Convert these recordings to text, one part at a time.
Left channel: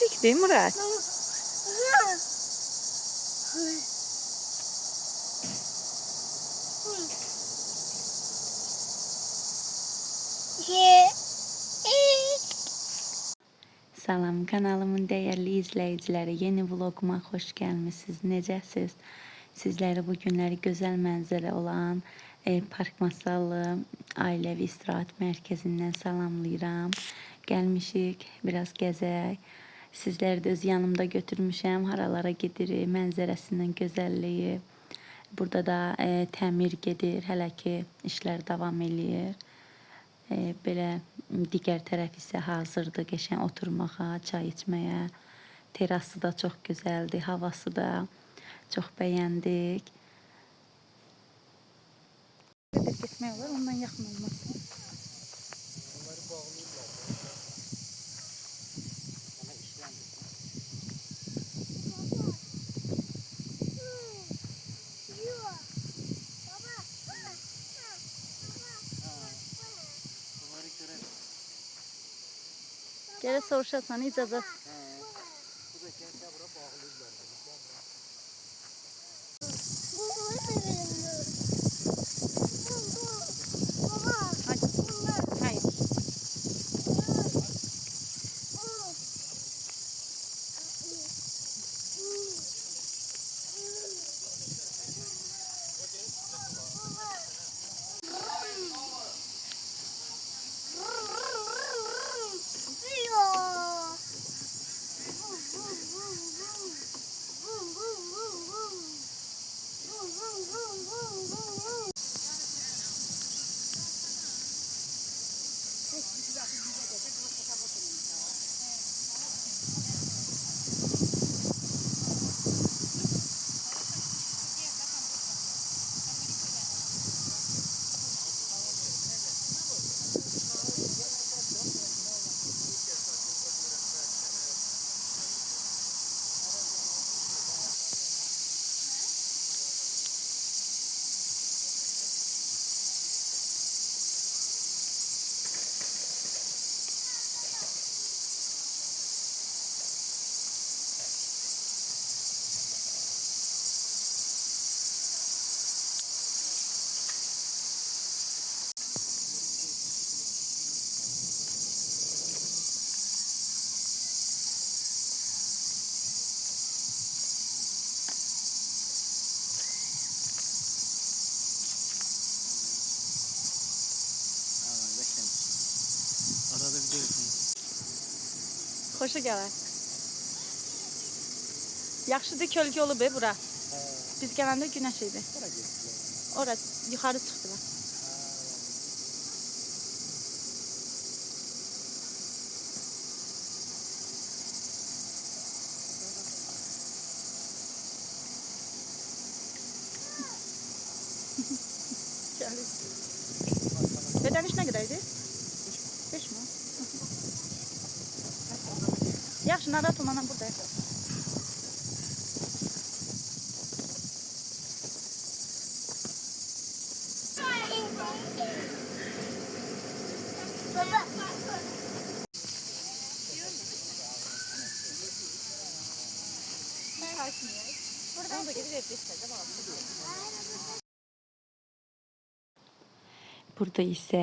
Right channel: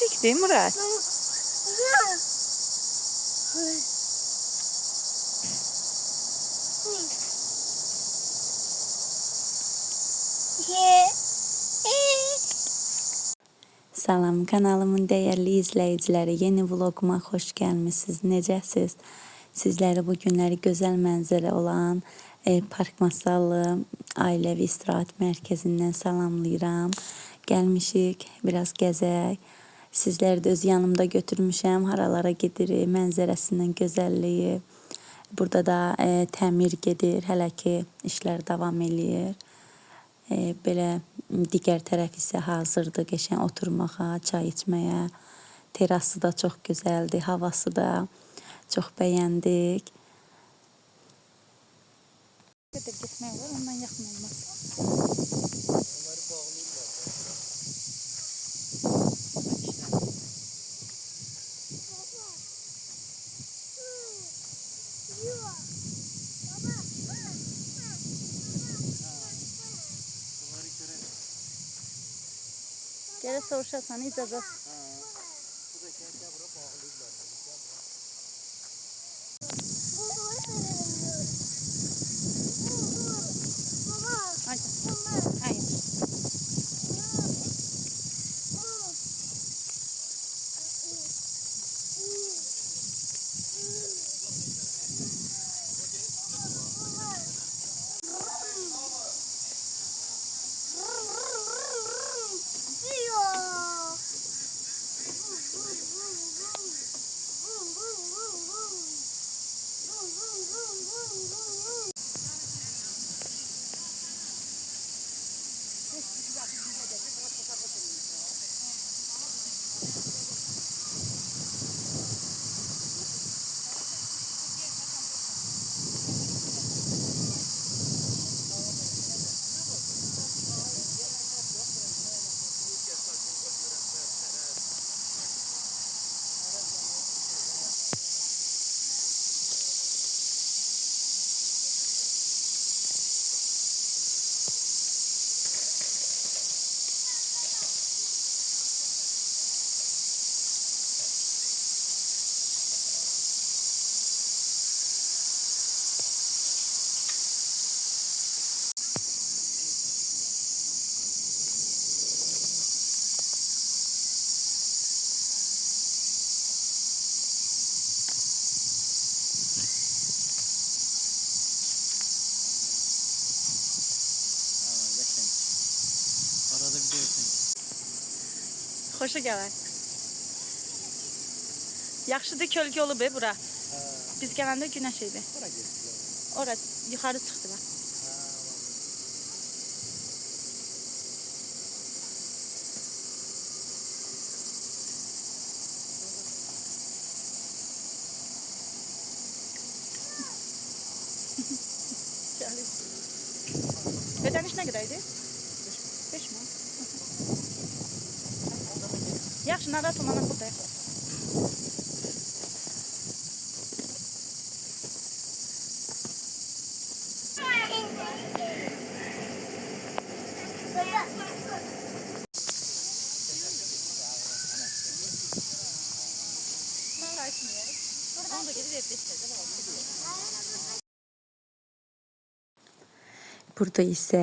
Pişik değil Murat? Salam kanalımın değerli izleyicileri, yeni vloguma hoş gelmişsiniz. Necəsiz? Sizləri bu günləri gözəl mənzərə olan Park Masallı Ailəvi İstirahət Mərkəzindən salamlayıram. Gəlmişik, biraz gəzək. Sizləri də öz yanımda götürmüşəm. Haralara gedirik, mənzərəsindən gözəlliyi. Burada da təmir gedir, hələ ki işlər davam eləyir. Belə digər tərəf isə hazırdır qəşəng oturmağa, çay içməyə. Terası da çox gözəldir, havası da çox bəyəndik. Getmək olar, ondan yaxın olmasın. Gələ soruşasan icazət. Arada video yapayım. Xoşa gələr. Yaxşıdır, kölgə olub bura. Biz gələndə günəş idi. Ora yuxarı çıxdılar. Ödəniş nə qədər idi? 5 mi? Yaxşı, narahat olma, mən buradayım. Burada isə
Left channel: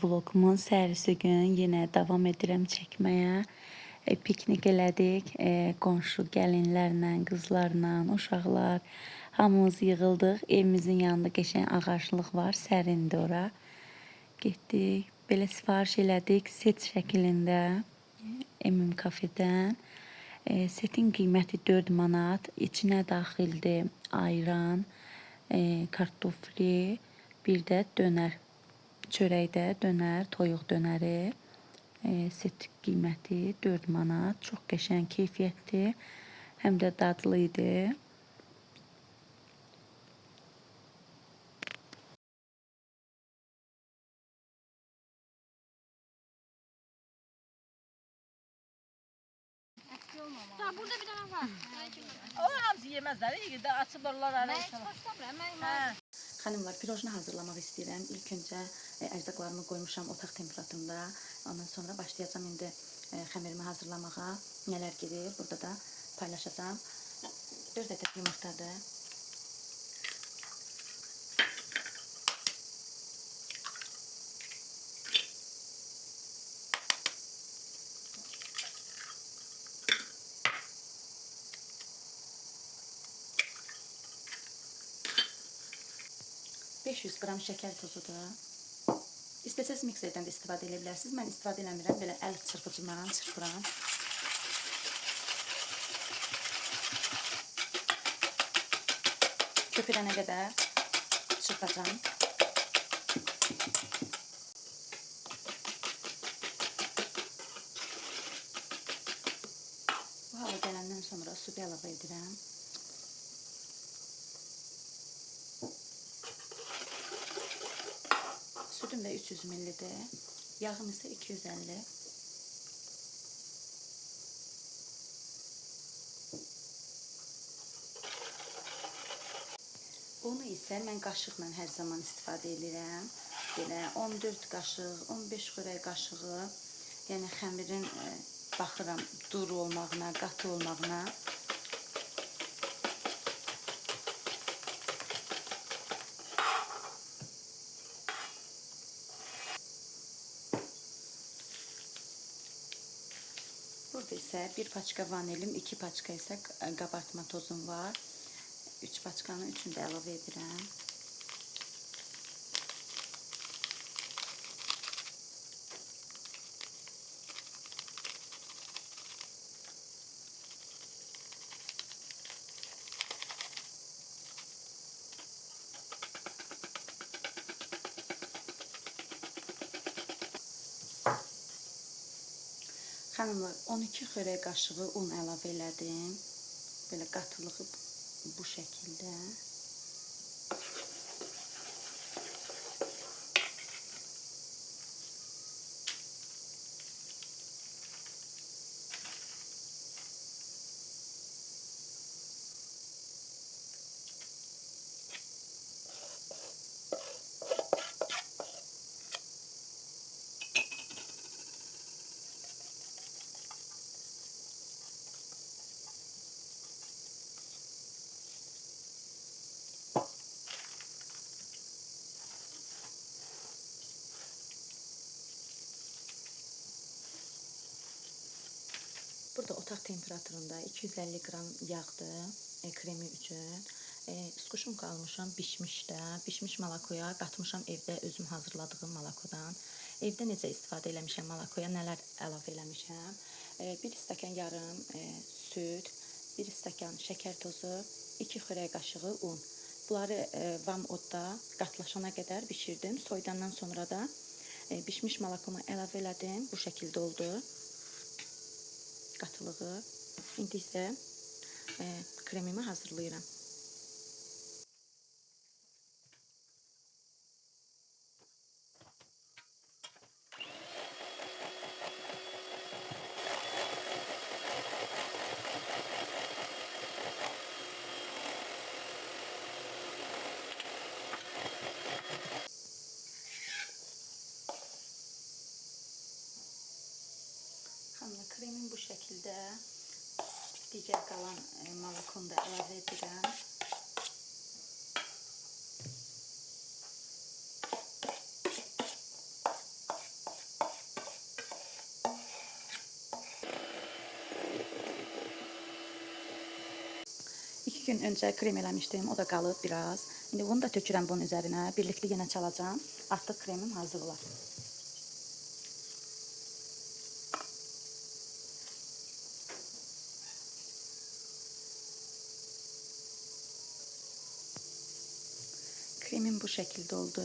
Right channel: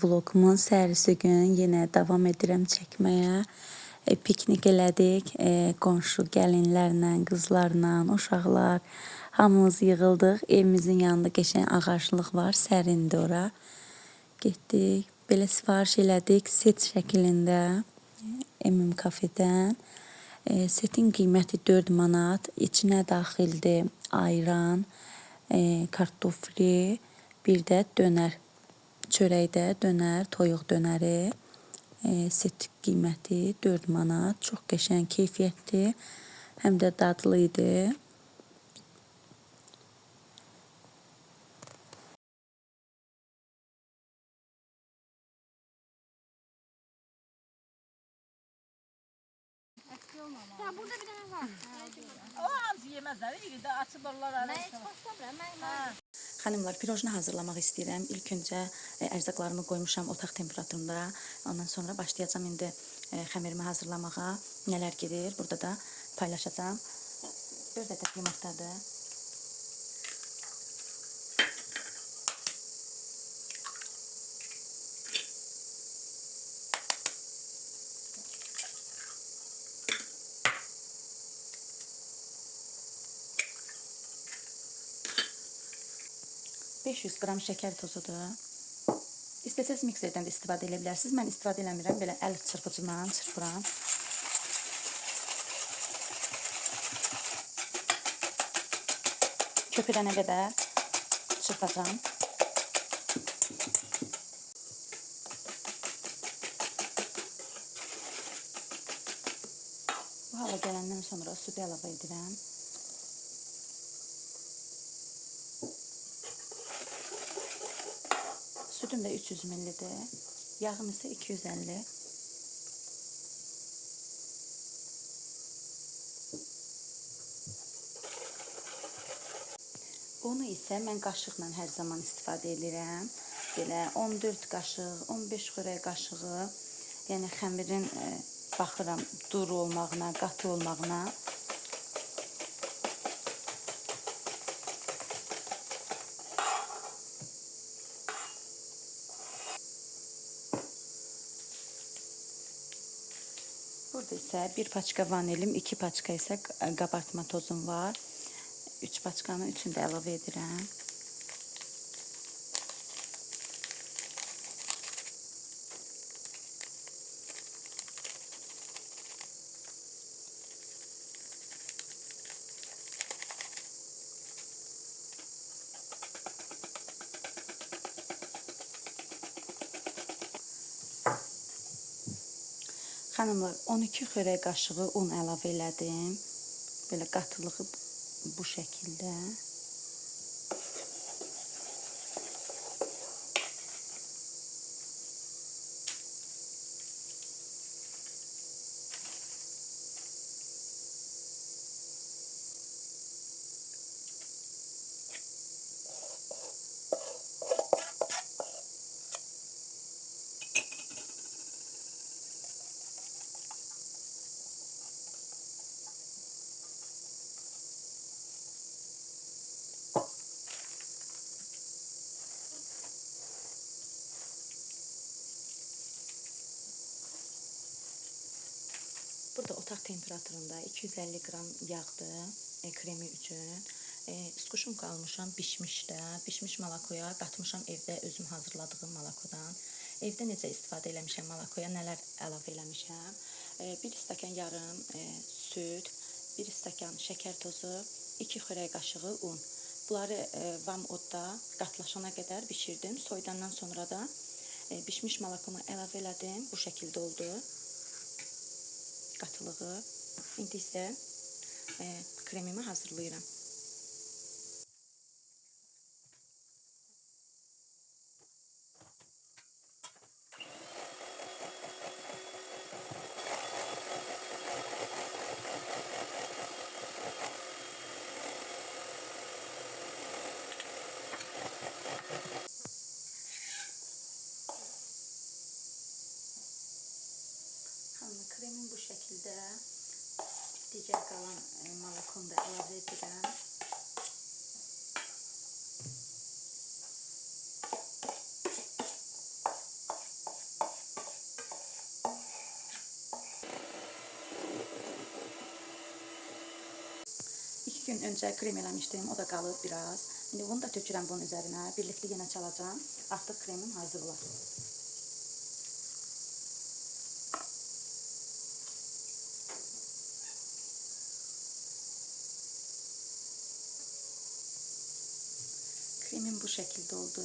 vlogumun səhərisi gün yenə davam edirəm çəkməyə. Piknik elədik, qonşu gəlinlərlə, qızlarla, uşaqlar hamımız yığıldıq. Evimizin yanında qəşəng ağaclıq var, sərindir ora. Getdik, belə sifariş elədik set şəklində kafedən. Setin qiyməti 4 manat, içinə daxildir ayran, kartofli, bir də dönər. Çörəkdə dönər, toyuq dönəri. Set qiyməti 4 manat. Çox qəşəng, keyfiyyətli, həm də dadlı idi. Burada bir tane var. O hamısı yemezler. İyi de açıbırlar arasına. Xanımlar, pirojni hazırlamaq istəyirəm. İlk öncə ərzaqlarımı qoymuşam otaq temperaturunda. Ondan sonra başlayacağam indi xəmirimi hazırlamağa. Nələr gedir, burada da paylaşacağım. 4 ədəd yumurtadır. $500 qram şəkər tozudur. İstəsəz mikserdən də istifadə edə bilərsiniz. Mən istifadə eləmirəm, belə əl çırpıcımla çırpıram. Köpürənə qədər çırpacağım. Bu hala gələndən sonra südü əlavə edirəm. Sütüm də 300 ml-dir. Yağım isə 250. Unu isə mən qaşıqla hər zaman istifadə edirəm. Belə 14 qaşıq, 15 xörək qaşığı. Yəni xəmirin baxıram duru olmağına, qatı olmağına. Burada isə bir paçka vanilim, 2 paçka isə qabartma tozum var. 3 paçkanın üçünü də əlavə edirəm. Xanımlar, 12 xörək qaşığı un əlavə elədim. Belə qatılığı bu şəkildə. Burada otaq temperaturunda 250 qram yağdır kremi üçün. Skuşunka almışam, bişmişdə. Bişmiş malakoya qatmışam evdə özüm hazırladığım malakodan. Evdə necə istifadə eləmişəm malakoya, nələr əlavə eləmişəm. 1 stəkan yarım süd, 1 stəkan şəkər tozu, 2 xörək qaşığı un. Bunları vam odda qatlaşana qədər bişirdim. Soyudandan sonra da bişmiş malakomu əlavə elədim. Bu şəkildə oldu qatılığı. İndi isə kremimi hazırlayıram. Kremim bu şəkildə. Digər qalan malakonu da əlavə edirəm. İki gün öncə krem eləmişdim, o da qalıb biraz. İndi bunu da tökürəm bunun üzərinə. Birlikdə yenə çalacağım. Artıq kremim hazır olar. Kremim bu şəkildə oldu.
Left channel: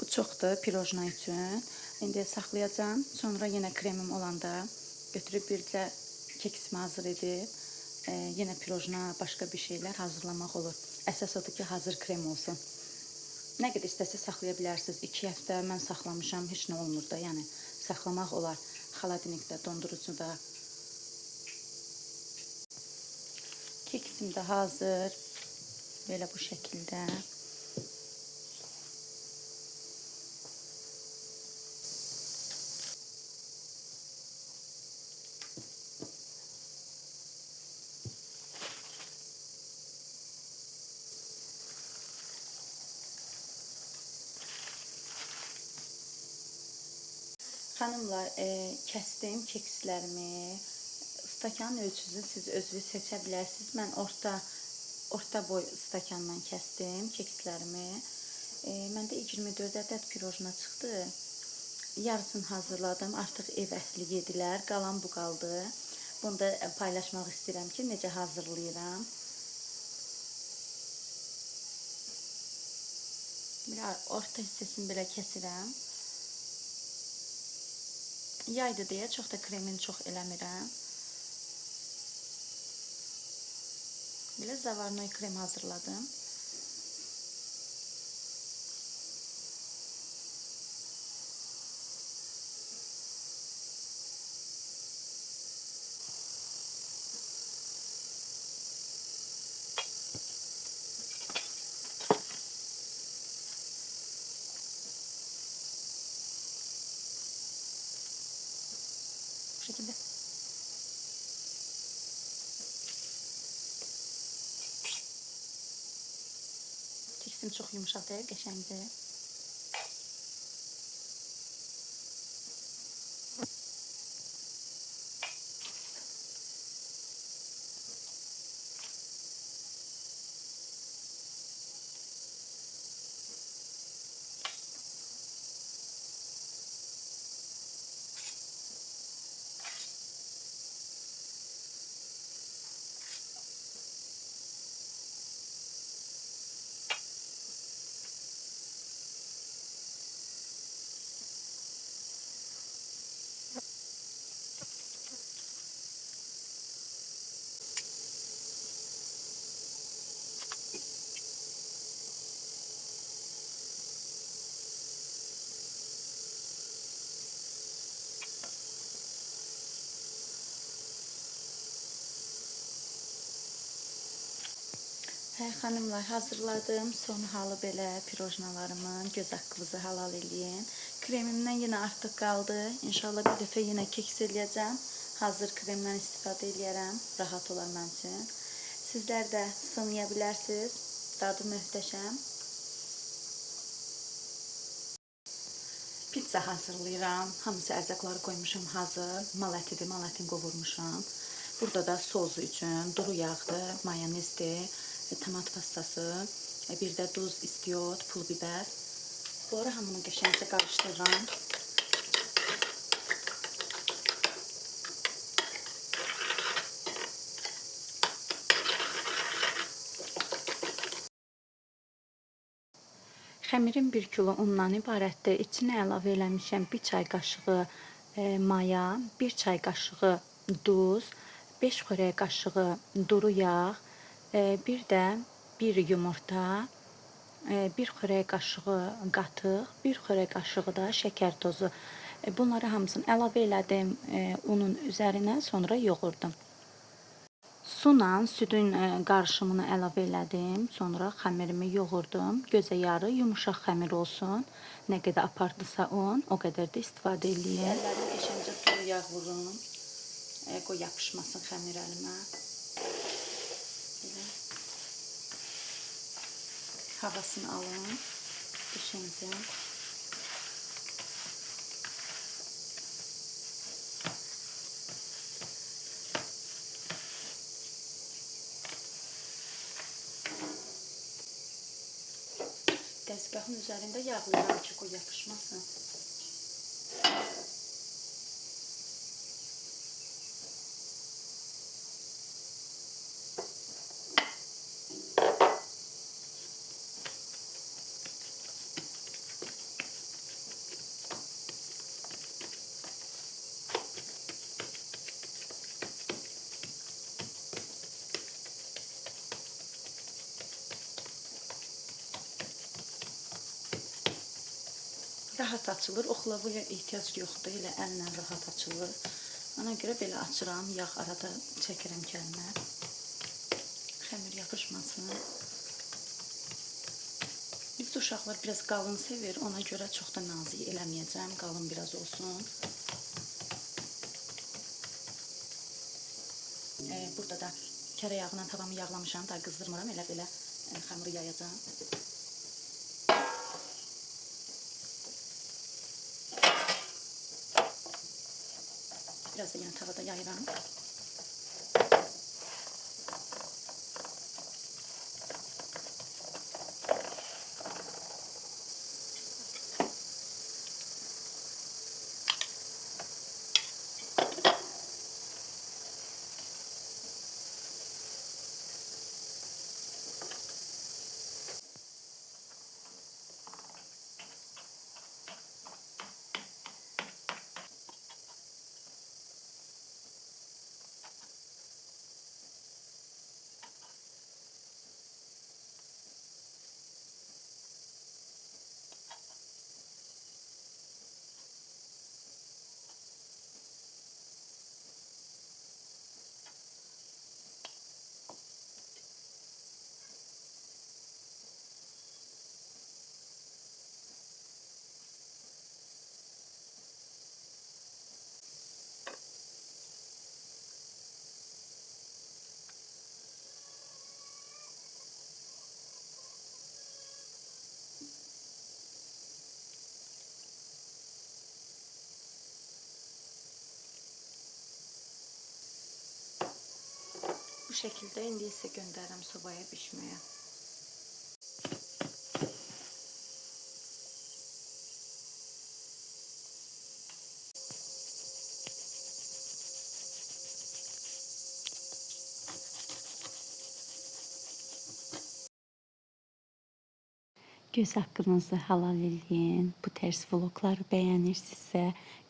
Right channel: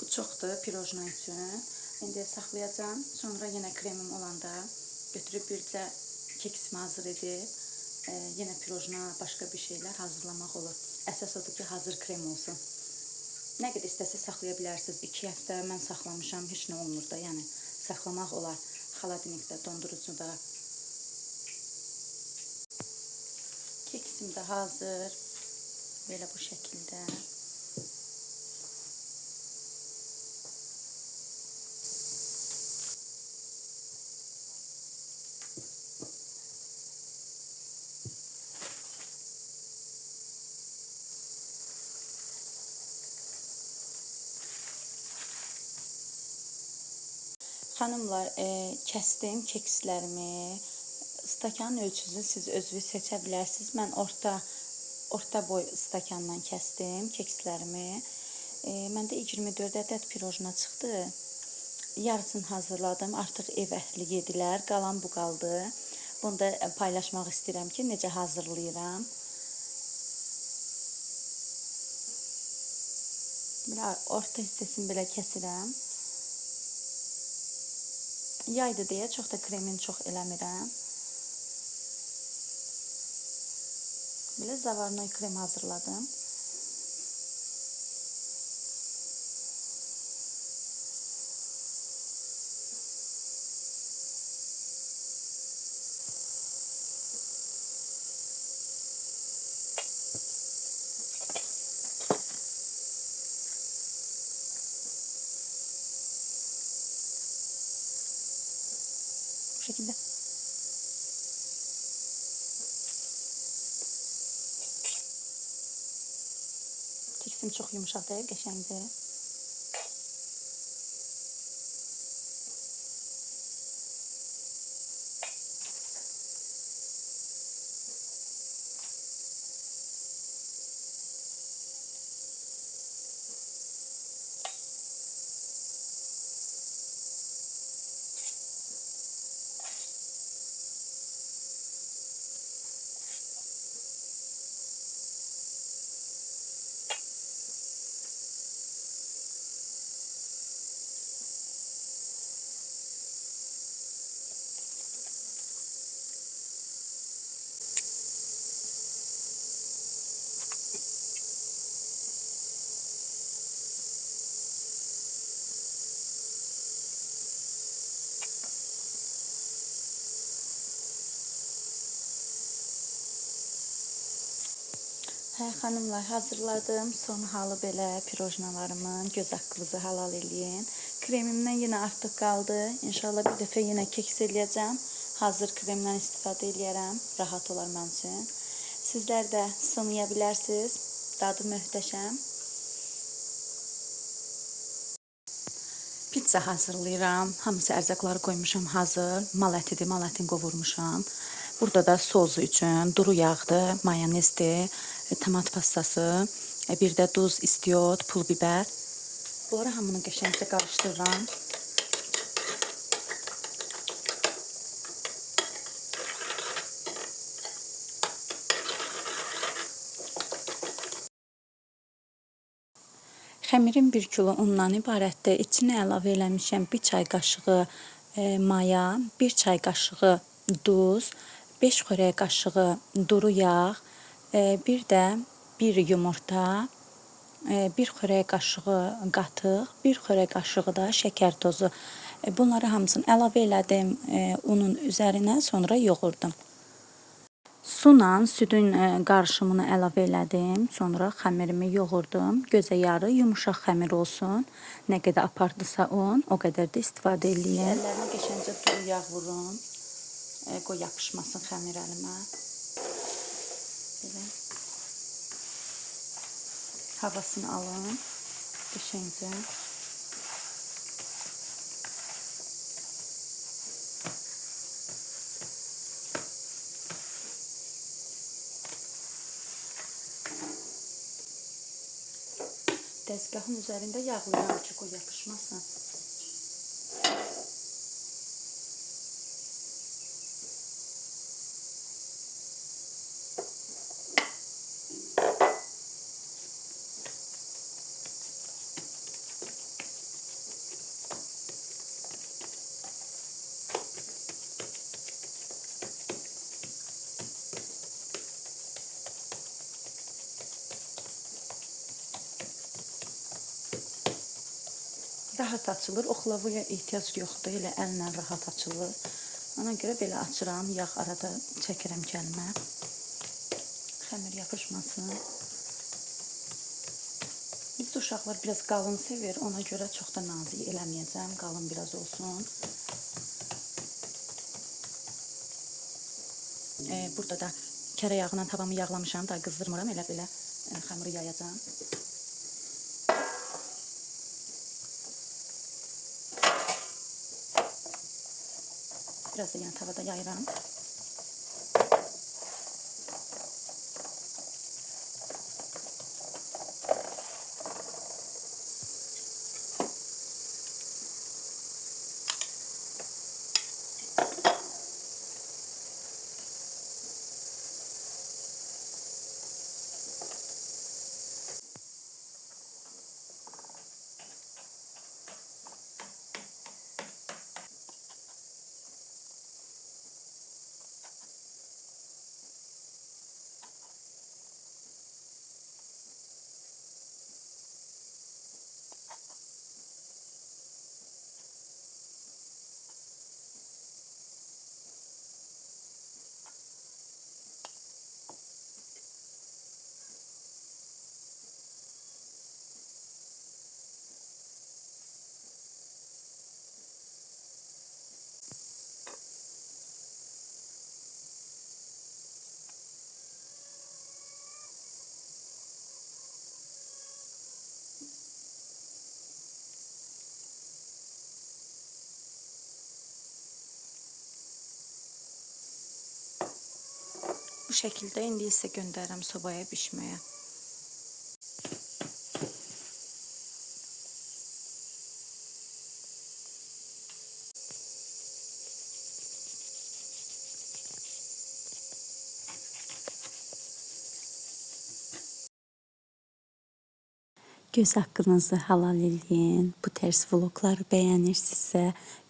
Bu çoxdur pirojna üçün. İndi saxlayacağım. Sonra yenə kremim olanda götürüb bircə keksimi hazır edib yenə pirojna, başqa bir şeylər hazırlamaq olur. Əsas odur ki, hazır krem olsun. Nə qədər istəsəz saxlaya bilərsiniz. 2 həftə mən saxlamışam, heç nə olmur da. Yəni saxlamaq olar. Xaladilnikdə, dondurucuda. Keksim də hazır. Belə bu şəkildə. Xanımlar, kəsdim kekslərimi. Stakanın ölçüsünü siz özünüz seçə bilərsiniz. Mən orta boy stakandan kəsdim kekslərimi. Məndə 24 ədəd pirojna çıxdı. Yarısını hazırladım. Artıq ev əhli yedilər. Qalan bu qaldı. Bunu da paylaşmaq istəyirəm ki, necə hazırlayıram. Orta hissəsini belə kəsirəm. Yaydı deyə çox da kremini çox eləmirəm. Belə zavarnoy krem hazırladım. Bu şekilde. Keksim çok yumuşak değil, qəşəngdir. Hə, xanımlar, hazırladım. Son halı belə pirojnalarımın. Göz haqqınızı halal eləyin. Kremimdən yenə artıq qaldı. İnşallah bir dəfə yenə keks eləyəcəm. Hazır kremdən istifadə eləyərəm. Rahat olar mənim üçün. Sizlər də sınaya bilərsiniz. Dadı möhtəşəm. Pizza hazırlayıram. Hamısı ərzaqları qoymuşam hazır. Mal ətidir, mal ətini qovurmuşam. Burada da sosu üçün duru yağdır, mayonezdir, tomat pastası, bir də duz, istiot, pul biber. Bunları hamını qəşəngcə qarışdırıram. Xəmirim 1 kilo undan ibarətdir. İçinə əlavə eləmişəm 1 çay qaşığı maya, 1 çay qaşığı duz, 5 xörək qaşığı duru yağ, bir də 1 yumurta, 1 xörək qaşığı qatıq, 1 xörək qaşığı da şəkər tozu. Bunları hamısını əlavə elədim unun üzərinə, sonra yoğurdum. Sula südün qarışımını əlavə elədim, sonra xəmirimi yoğurdum. Gözə yarı yumuşaq xəmir olsun. Nə qədər apardısa un, o qədər də istifadə eləyin. Əllərini qəşəngcə duru yağ vurun. Qoy yapışmasın xəmir əlimə. Belə. Havasını alın. Qəşəngcə. Dəzgahın üzərində yağlayıram ki, qoy yapışmasın. Rahat açılır. Oxlavaya ehtiyac yoxdur. Elə əllə rahat açılır. Ona görə belə açıram. Yağ arada çəkirəm kəlimə. Xəmir yapışmasın. Bizdə uşaqlar biraz qalın sevir. Ona görə çox da nazik eləməyəcəm. Qalın biraz olsun. Burada da kərə yağla tavamı yağlamışam. Daha qızdırmıram. Elə belə xəmiri yayacağım. Biraz da yan tavada yayıram. Bu şekilde indi isə göndərirəm sobaya bişməyə. Göz haqqınızı halal eləyin. Bu tərz vlogları bəyənirsinizsə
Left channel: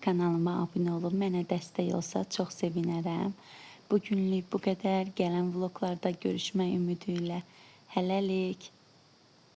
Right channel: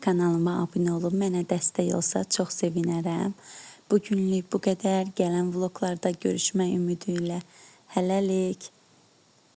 kanalıma abunə olun. Mənə dəstək olsa çox sevinərəm. Bu günlük bu qədər. Gələn vloglarda görüşmək ümidi ilə. Hələlik.